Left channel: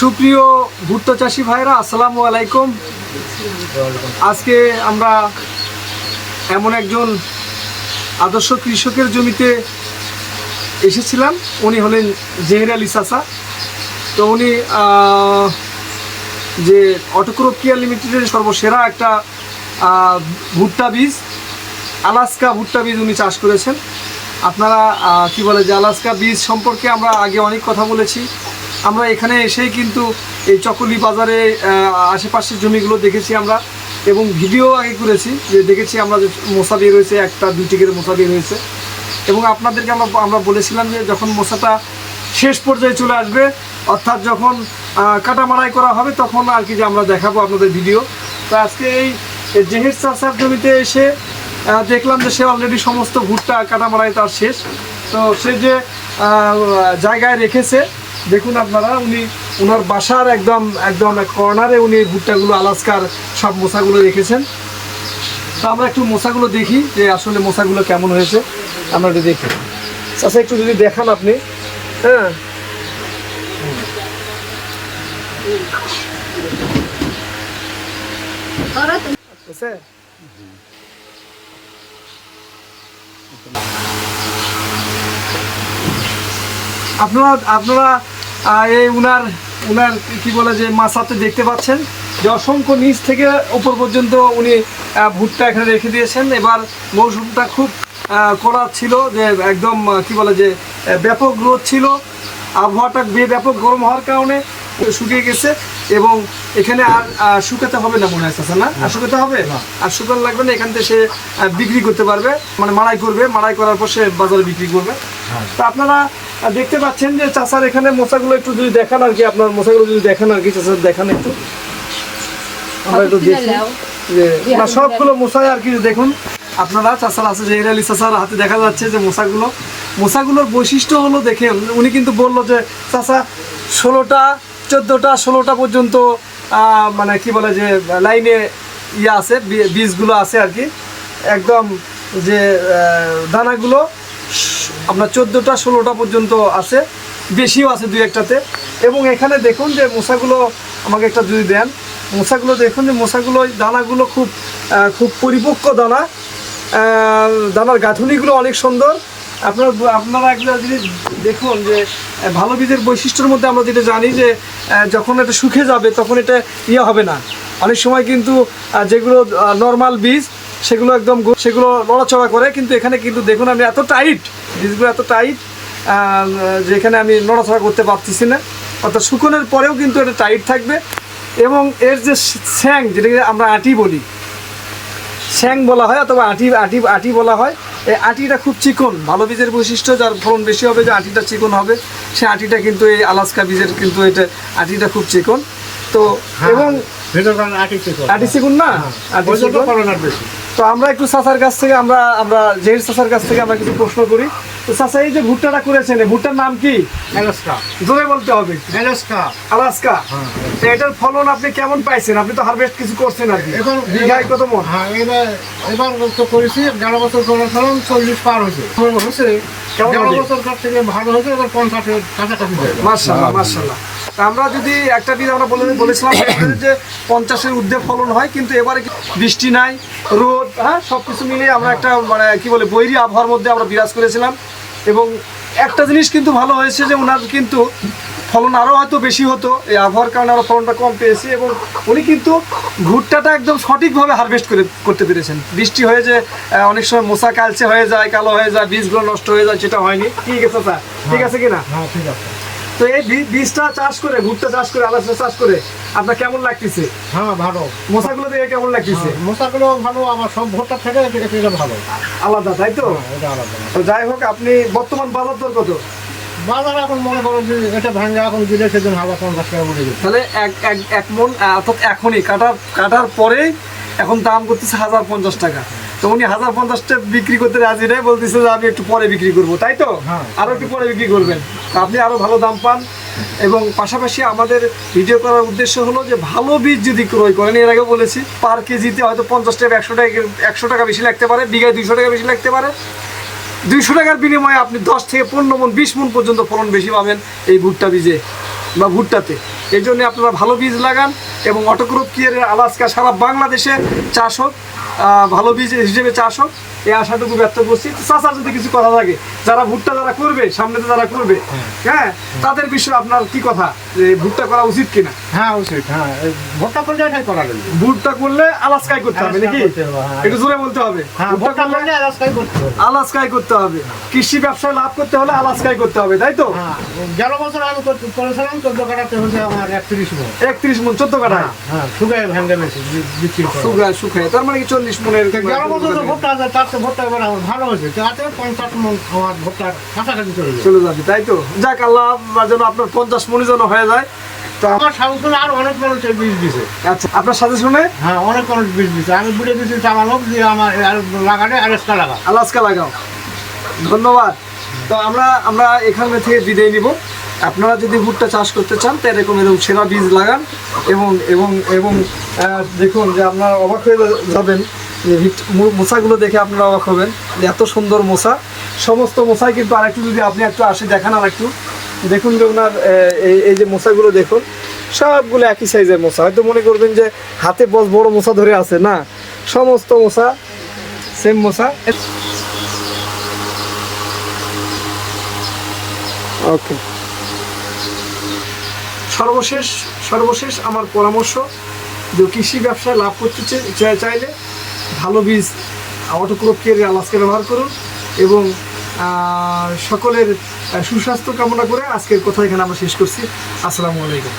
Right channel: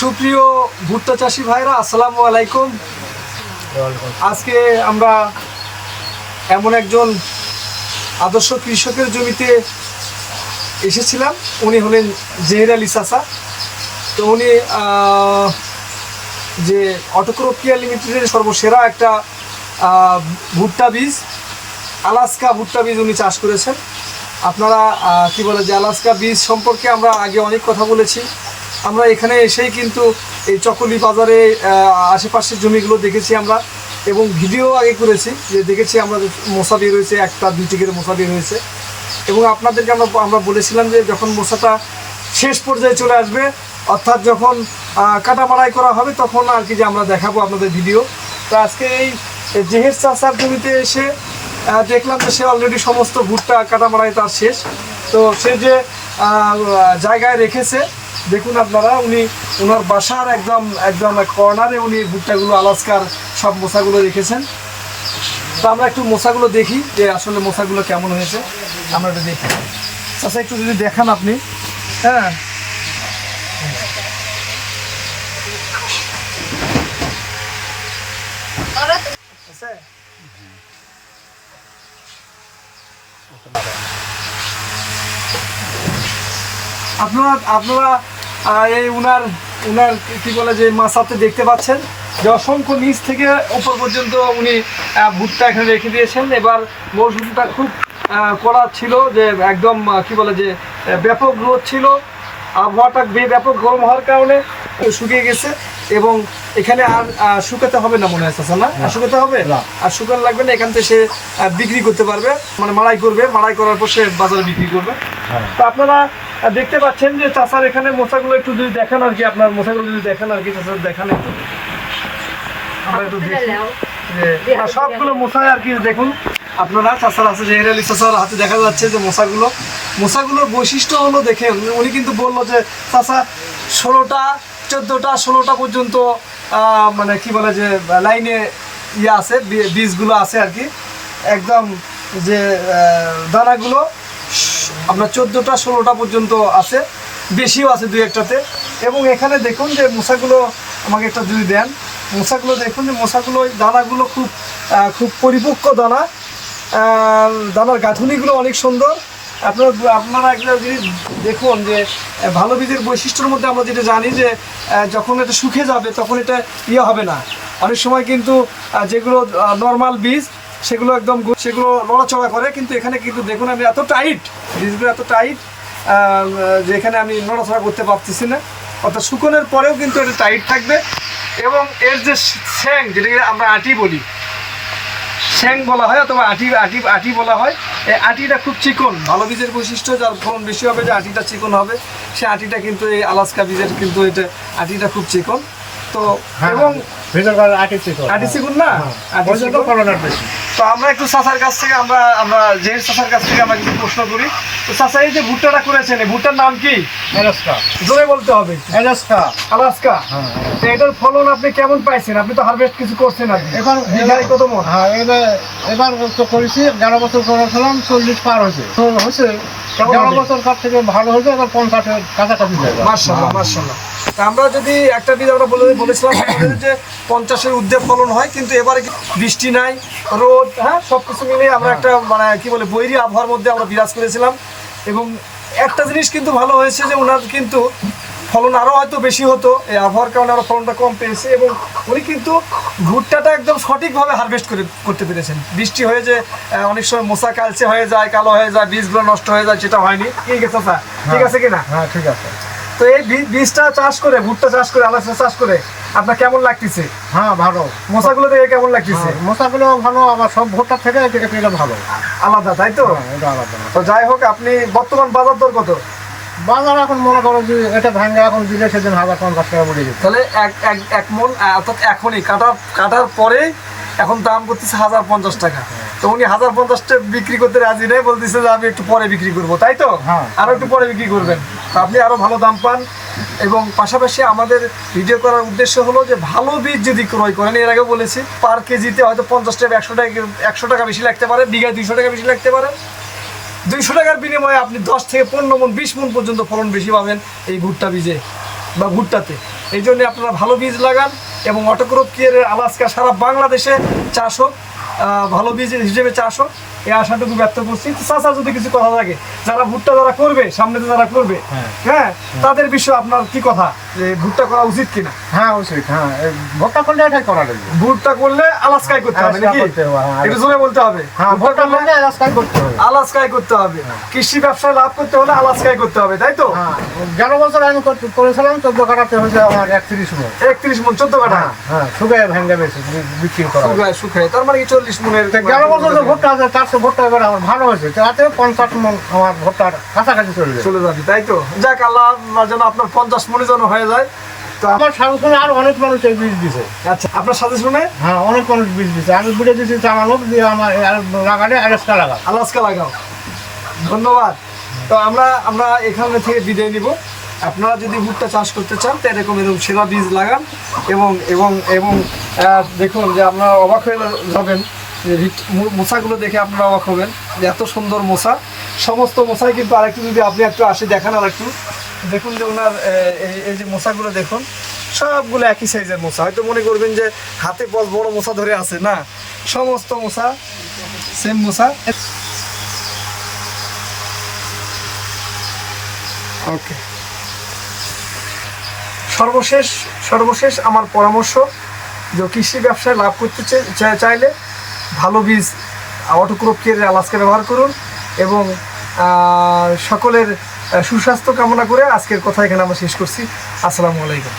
সুপ্রিয় ভুট্টা চাষি ভাইরা, আসসালামু আলাইকুম। আজকে আমরা এমন একজন আদর্শ কৃষকের জমিতে এসেছিলাম। উনি হলেন জেহের আলী চাচা। তো উনি যে অটোক্রোপিয়া লিমিটেডের সর্বসেরা একটা ভুট্টা বীজ, আলাস্কা ভুট্টা বীজ উনি চাষ করেছেন। আপনারা কি বলে যে আলাস্কা বীজ সম্পর্কে আমরা আগে অনেক কথা বলেছি। আমরা এখানে এসেই কিন্তু এই চকলি বাজারে আশেপাশের জমিগুলো দেখেছি আমরা এবং ভিডিও আগে করেছি যে দেখেছি আমরা মশা বের হয়েছে, একটা দুইটি করে মশা বের হয়েছে। এবং আপনাদেরকে আমরা আমরা বলেছিলাম যে যখন মশাটা শেষ পর্যায়ে চলে আসবে, অর্থাৎ যখন কাটা মারাই করা হবে, তখন আর কি যে আমরা দেখাবো আপনাদের ভিডিও। তো আজকে এই জেহের চাষার জমিতে এসে দেখলাম যে সে অলরেডি সমস্ত ভুট্টা কাটা মারাই তার শেষ। তো সে যে জায়গায় রেখেছে দেখুন আপনারা উনি ওনার বাসার একদম একদম কর্নারে উনি ভুট্টাগুলো আলাস্কার সব মশাগুলো রেখেছেন। তো আমরা একটু মশাগুলো দেখি যে আসলে মশাগুলো কেমন হয়েছে। আমরা একটু দেখি। আচ্ছা একটু যদি দেখান আপনি। হ্যাঁ। আপনারা আপনারা এই উনার উনার কি বলে যে মাসাতে দেখতে পাচ্ছেন যে অসংখ্য নিচ থেকে ওপর পর্যন্ত উনি ভুট্টা এখানে রেখে দিয়েছেন। এবার মৌসুমটা খুব কড়া ছিল যে একদম কি বলে যে ব্যাপক রোদ ছিল। আবহাওয়াটা বে- ব্যাপক গরম হওয়ার কারণে শুকিয়ে গেছে এবং এখানে আর শুকাতে হবে না মনে হয় না? আর শুকাতে হবে? আর শুকানো লাগবে না এখান থেকে সে বিক্রি করতে পারবে। মানে মাড়াই করবে। মাড়াই করার পর সে বাজারে বিক্রি করবে। তা আপনারা দেখতে পাচ্ছেন যে চাষার এখানে মশাগুলো একটু যদি দেখান আর কি আপনার মশাগুলো যদি দেখেন আর কি চাষার দেখান একটু। আমরা একটু দেখি যে সবগুলো মশাই আর কি দেখুন আপনারা চাষার আছে যে হেরালি চাষার হাতে দেখা যাচ্ছে যে মশাগুলো। মশাগুলোর বৈশিষ্ট্য হলো দেখেন উনি কিন্তু বলল যে চাষা ষোলোটা চোদ্দোটা ষোলোটা পর্যন্ত মানে কি বলে যে লাইনে ইয়ে আছে বীজগুলো আছে আর কি। একদম যে দানাগুলো আপনার চোদ্দোটা, ষোলোটা পর্যন্ত আছে। বেশিও আছে দুই একটাতে। এবং এখানে দেখুন যে মশাগুলো আমাকে একটা যদি দেন। মশাগুলো দেখুন যে মশাগুলো দানাগুলো খুব খুব পরিপক্ক দানা। দানার গাঁথুনিগুলো অনেক সুন্দর। আপনার আপনারা একটা জিনিস দেখুন যে ভালো বীজের বৈশিষ্ট্যের মধ্যে আমরা যেটা জানি যে যখন এটা শুকে যাবে তখন এটা ইয়ে হবে না। অনেক সময় কিন্তু যেগুলো নর্মাল বীজ, সেগুলো একদম সেগুলো নড়াচড়া করে, কিন্তু এখানে কিন্তু দেখুন আমি এত টাইট বীজগুলো এত টাইট যে এখানে আমি নড়াচড়া করতে পারতেছি না। অর্থাৎ শুকনোর পরেও কিন্তু এটা টাইট থাকবে। এবং এর যে স্যাং, যেটাকে আমরা আটি বলি শ্যাং বলা হয় অথবা আটি আটি আটি বলা হয়, এই আটিটা খুব চিকন, ভালো বীজের বৈশিষ্ট্য, যার ফলন বেশি হবে যে আটিটা চিকন হবে। সে আটিটা কিন্তু এই আলাস্কা বীজের কিন্তু এটা, আটিটা খুব চিকন। তো এবং ভেতরকার আটি চিকন আটি চিকন না? আটি ওই জন্য চিকন। করোনার বেশি। তো আমরা একটু চাষার কাছ থেকে আমরা আমরা জেহের চাষার কাছ থেকে আমরা কিছু প্রশ্ন করি। তো চাষা এই যে ভুট্টাটা করেছেন ভুট্টার নাম কি? জোরে বলতে হবে আলাস্কা। হ্যাঁ, তো এটার ফলন আপনি কেমন পাইছেন? আপনি তো হারভেস্ট কিছু করছেন আর কি। এখন বিঘায় কত মন? হ্যাঁ এবার এবার তো করেছি এগারো বছর চল্লিশ পার হয়েছে। হয়েছে এগারো বছর থেকে ভালো হয়েছে এবার পঞ্চাশের কাছাকাছি মার্শাল্লাহ মার্শাল্লাহ আমরা যদি একটা বীজ আমরা বলে বলেছিলাম যে পঞ্চাশের ঊর্ধ্বে ফলন হয় কিন্তু এবারে বৃষ্টি নাই রোদ হ্যাঁ সব কিছু মিলে আমরা একটা মানে কি বলে বৈরী আবহাওয়ার মধ্যে আমরা বিরাজ করেছিলাম। এবং একটা জিনিস কিন্তু ভালো হয়েছে যে ওনার কিন্তু ফলন আরও হয়তো বেশি হতো এই আবহাওয়ার কারণে আরও ফলনটা কম পেয়েছে এবং উনি কিন্তু ভুট্টাটা একদম সঠিকভাবে হারভেস্ট করে করতে পেরেছেন। বৃষ্টি হয়ে যে অনেক সময় মশা কালচে হয়ে যায় কালো হয়ে যায় বীজগুলো নষ্ট হয়ে যায় সেটা হয়নি। ঠিক আছে স্যার? ঠিক আছে কিনা? হ্যাঁ ঠিক আছে। তো এই বীজটা চাষ করে ভুট্টা চাষ করে আলাদা চাষ করে আপনার কেমন লাগতেছে? হ্যাঁ ভালো। মশাগুলো থেকে কেমন লাগতেছে? হ্যাঁ, মশাগুলো ভালো আবার সব ভোটটার থেকে এটা ভালো। আলাদা তাই তো? হ্যাঁ, আলাদা। তো যাই হোক আপনি বর্তমান বাজার দর কত? বাজার এখন মনে করো যে এটা ভাঙে এখন দিলে সেদিন হাজার পঞ্চাশ টাকা পড়ে গেছে। তাহলে এক এক এক মন অর্থাৎ এখনই কাটার কাটার পরেই এখন দাম করতেছে হাজার পঞ্চাশ টাকা। তো উনি হাজার পঞ্চাশটা বিক্রি করতে রাজি নেই বলতেছে যে আমি একটু পরে বিক্রি করব তাই তো? হ্যাঁ। আরও একটু পরে বিক্রি করবেন। আপনি আরও ভালো দাম পান এবং পাশাপাশি আমাদের ভিডিও করার উদ্দেশ্য হলো যে ভালো বীজ যদি ক্রয় করেন এর আগে বলেছি পার কেজিতে হয়তো পঞ্চাশ টাকা একশো টাকা একশো টাকা বেশি লাগতে পারে বিঘায় দুইশো টাকা বেশি লাগতে পারে। দুইশো টাকার বিনিময়ে আপনি দশ থেকে পনেরো মন বিশ মন পর্যন্ত ফলন বেশি পাবেন এই ভুট্টা বীজে বা ভুট্টাতে। এই জন্য আপনারা ভালো বীজ লাগান এবং অটোক্রপ কিয়ারের আলাস্কা সারা বাংলাদেশে চাষ হোক। ভালো বীজ হিসেবে চাষ হোক এই আশাটুকু ব্যক্ত করছি। চাষা যদি কিছু কথা থাকে যারা ভুট্টা যারা করবে সামনেতে যারা করবে হ্যাঁ। হ্যাঁ তাদের বিষয়ে আপনার কি কথা? যে ভুট্টা করা উচিত কিনা? হ্যাঁ উচিত হ্যাঁ। ভোটটা করলে এটাই করা লাগবে। ভুট্টা করলে আলাস্কাই করতে হবে নাকি? হ্যাঁ। একটু জোরে বলতে হবে। হ্যাঁ ভুট্টা করলে রাস্তায় করতে হবে। আলাস্কাই করতে হবে। কৃষি ব্যবসায় লাভ করতে হলে আলাস্কাই করতে হবে তাই তো? হ্যাঁ গেল বছর আমি করেছিলাম চোদ্দ কাটাতে হয়েছে আমার একত্রিশ মন। একত্রিশ মন চোদ্দ কাঠা হ্যাঁ হ্যাঁ শুকায় ভেঙে বেশি বিক্রি করা হয়। শুকায় শুকায় তার মানে কি চল্লিশ মনের গেল বছর যে ভোটটা আছে তার তো ভোটটা এবার আমার ভালো হয়েছে। তাতে পঞ্চাশ মন আমার ভোটটার কাছাকাছি চলে যায়। চলে যাবে তাই তো? যাক আল্লাহ যেন আপনার পঞ্চাশ মনে যেন হয়ে যায়। তো আমার আরও অনেক মানুষ এই বীজ দিছে। আচ্ছা আপনার সাথে শুনে? হ্যাঁ অনেক মানুষ বীজ দিছে। আমি বুঝে দিচ্ছি চামানোক দিয়ে আমার লাগালে অ্যারেস্টটা লাগা আলাস্কা লাগাও। ধন্যবাদ। তো আমরা আমরা এখানে থেকে বিদায় নিব। আপনারা যদি ভুট্টা চাষ করতে চান তো এরকম এরকম সেরা বীজ লাগান এবং এবং এবং দেখুন যে আপনারা অবাক হয়ে যাবেন যে দেখে আপনারা অবাক হবেন যে এত সুন্দর মোচা সমস্ত মোচাই কিন্তু আরেকটু যদি আপনি একটু আসে দেখান আর একটু দেখুন যে ওনার এই এই যে মোচাগুলো দেখুন, সবগুলো একই সাইজের মোচা হয়তো মনে করবেন যে হাতে বস বড় মোচা ধরে আছে। না, সমস্ত মোচা সেম মোচা ওকে সর্বশেষ সর্বশেষ আমার পরামর্শ যে কৃষি ব্যবসায় লাভ করতে চাইলে ভালো বীজ অটোক্রপ কেয়ারের আলাস্কা ব্যবহার করুন এবং সকলের সুস্বাস্থ্য কামনা করে আজকের কথা এখানে আমরা শেষ করছি। আসসালামু আলাইকুম।